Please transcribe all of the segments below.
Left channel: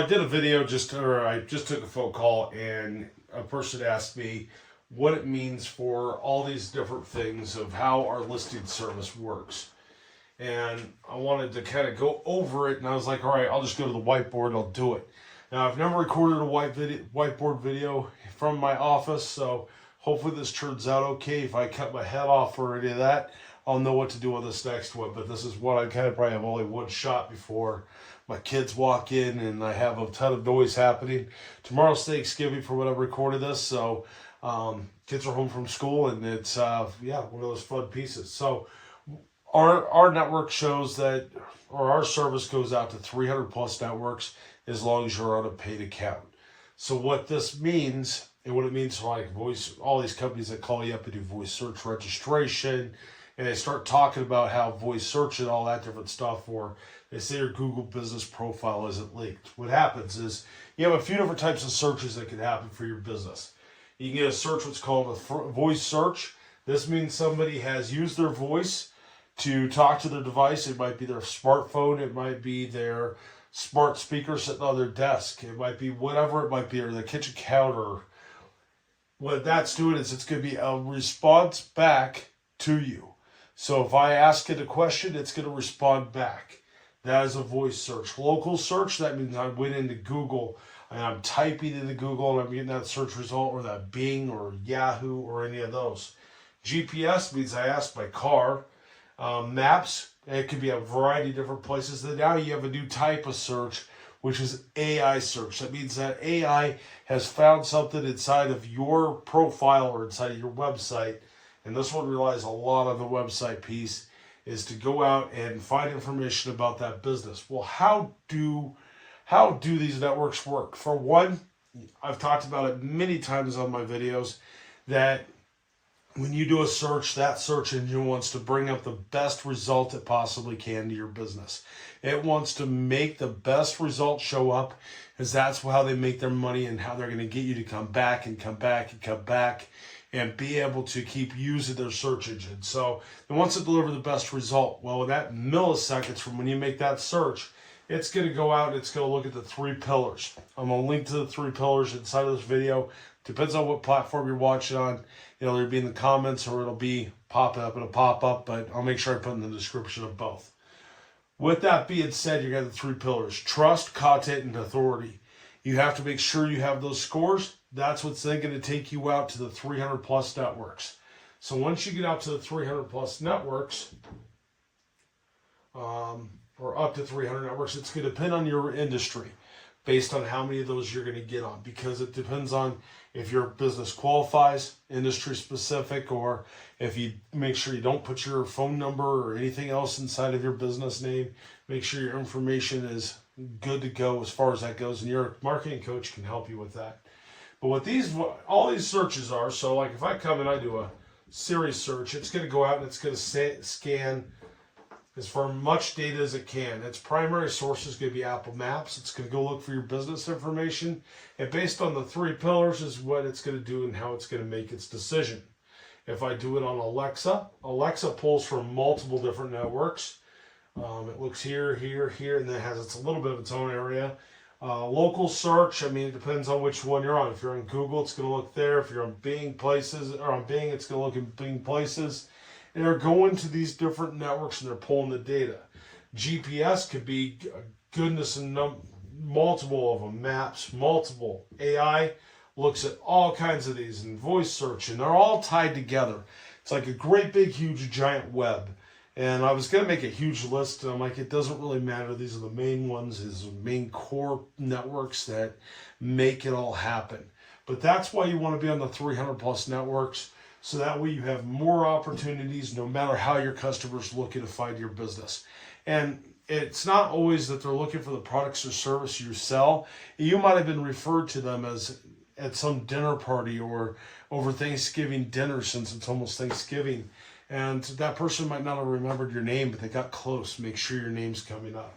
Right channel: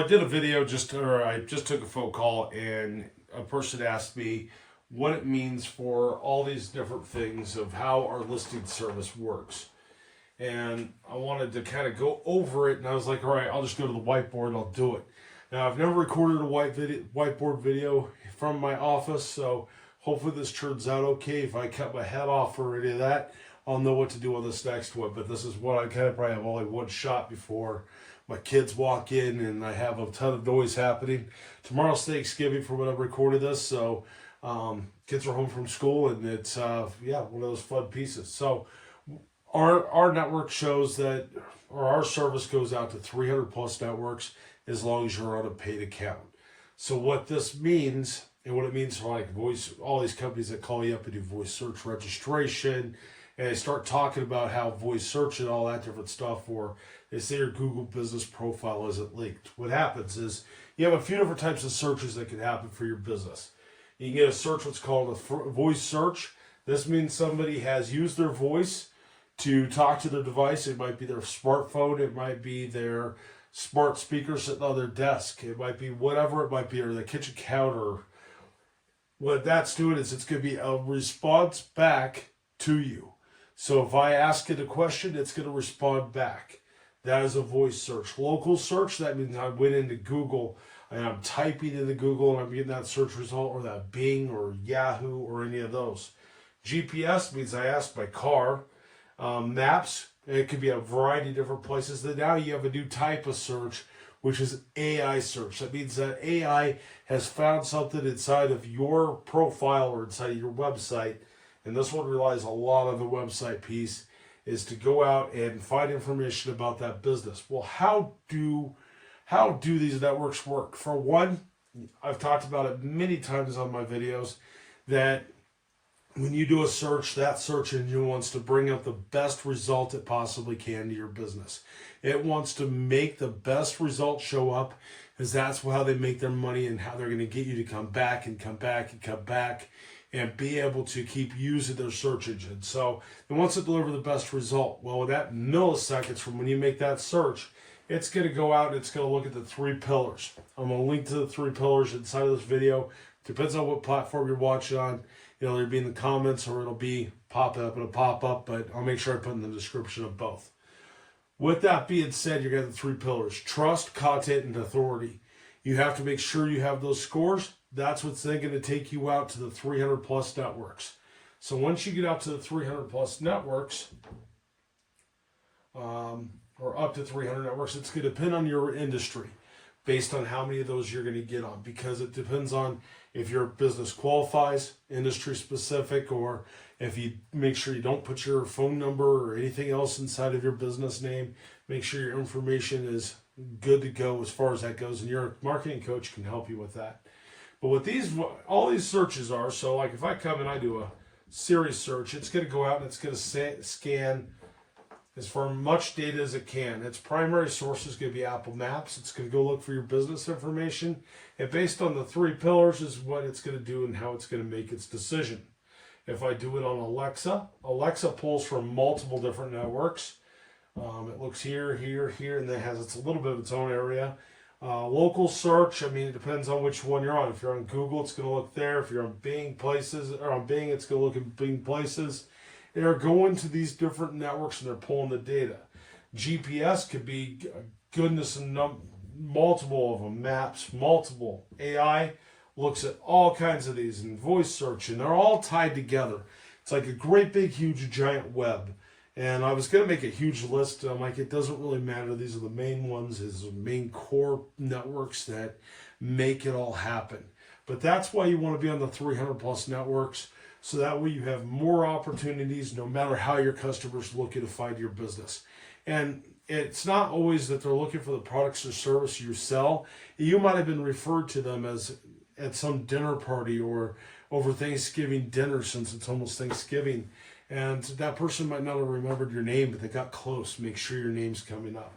I did a video I just took a phone call and a person asked me what it means for all these different things of how our listing service works. And I wanted to kind of go over it, and I was like, all right, I'll just go to the whiteboard, I'll do it. Now, I've never recorded a whiteboard video from my office, so hopefully this turns out okay. If I cut my head off or any of that, I'll know what to do on this next one. But this is what I kind of probably have only one shot before my kids walk in and I have a ton of noise happening. Tomorrow's Thanksgiving for when I recorded this, so kids are home from school, and it's one of those fun pieces. So our network shows that, or our service goes out to 300 plus networks as long as you're on a paid account. So what this means, and what it means for like voice, all these companies that call you up and do voice search registration, and they start talking about how voice search and all that different stuff, or they say your Google business profile isn't linked. What happens is you have a few different types of searches that can happen for your business. You can get a search what's called a voice search. This means somebody has used their voice to talk to their device. It might be their smartphone. It might be their smart speaker sitting on their desk. It might be whatever it might be, or the kitchen counter. What that's doing is it's going to be a response back to you. So if I ask it a question, it's going to respond back. That is a voice search. Local search, that means I went into Google and I'm typing into Google and I'm getting that search result, or that Bing or Yahoo or any of those. GPS means I asked my car. Maps, it could be a variety of different places. Then now you have a new type of search, which is AI search. That means that AI has found something inside of your profile or inside of your website, and this one relies a lot on the website piece, is to go out and find information about that business. Well, how do these networks work? For one, I've talked about it many times on my videos, that when you do a search, that search engine wants to bring up the best result it possibly can to your business. It wants to make the best result show up, because that's how they make their money and how they're going to get you to come back and come back and come back and be able to keep using their search engine. So it wants to deliver the best result. Well, that milliseconds from when you make that search, it's going to go out and it's going to look at the 3 pillars. I'm going to link to the 3 pillars inside of this video. Depends on what platform you're watching on. It'll either be in the comments or it'll be popping up in a pop-up, but I'll make sure I put in the description of both. With that being said, you got the 3 pillars: trust, content, and authority. You have to make sure you have those scores. That's what's then going to take you out to the 300 plus networks. So once you get out to the 300 plus networks, or up to 300 networks, it's going to depend on your industry based on how many of those you're going to get on, because it depends on if your business qualifies, industry specific, or if you make sure you don't put your phone number or anything else inside of your business name. Make sure your information is good to go as far as that goes, and your marketing coach can help you with that. But what all these searches are, so like if I come and I do a Siri search, it's going to go out and it's going to scan as far much data as it can. Its primary source is going to be Apple Maps. It's going to go look for your business information, and based on the 3 pillars is what it's going to do and how it's going to make its decision. If I do it on Alexa, Alexa pulls from multiple different networks. It looks here, here, here, and then it has a little bit of its own area. Local search, I mean, it depends on which one you're on. If you're on Google, it's going to look there. If you're on Bing Places, or on Bing, it's going to look in Bing Places. They're going to these different networks and they're pulling the data. GPS could be goodness and multiple of them. Maps, multiple. AI looks at all kinds of these, and voice search, and they're all tied together. It's like a great big huge giant web. And I was going to make a huge list, and I'm like, it doesn't really matter. These are the main ones, these are the main core networks that make it all happen. But that's why you want to be on the 300 plus networks, so that way you have more opportunities no matter how your customers looking to find your business. And it's not always that they're looking for the products or service you sell. You might have been referred to them as at some dinner party or over Thanksgiving dinner, since it's almost Thanksgiving. And that person might not have remembered your name, but they got close. Make sure your name's coming up.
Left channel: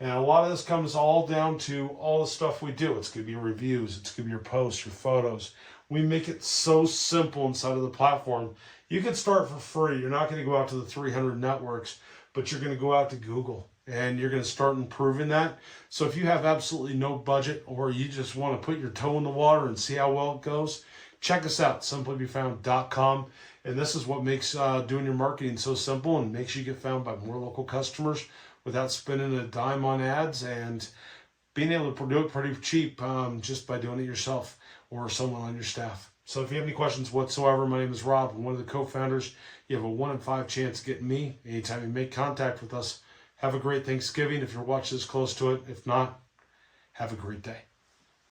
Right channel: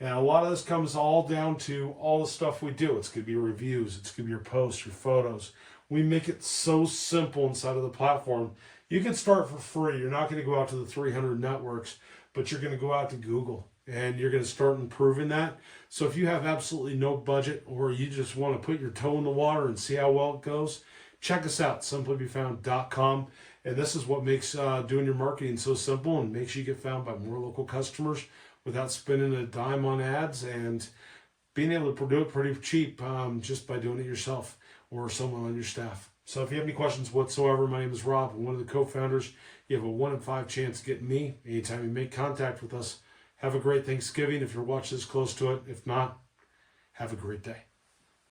And a lot of this comes all down to all the stuff we do. It's going to be reviews. It's going to be your posts, your photos. We make it so simple inside of the platform. You can start for free. You're not going to go out to the 300 networks, but you're going to go out to Google. and you're going to start improving that. So if you have absolutely no budget, or you just want to put your toe in the water and see how well it goes, check us out, simplybefound.com. And this is what makes doing your marketing so simple and makes you get found by more local customers without spending a dime on ads, and being able to do it pretty cheap just by doing it yourself or someone on your staff. So if you have any questions whatsoever, my name is Rob. I'm one of the co-founders. You have a 1 in 5 chance of getting me anytime you make contact with us. Have a great Thanksgiving if you're watching this close to it. If not, have a great day.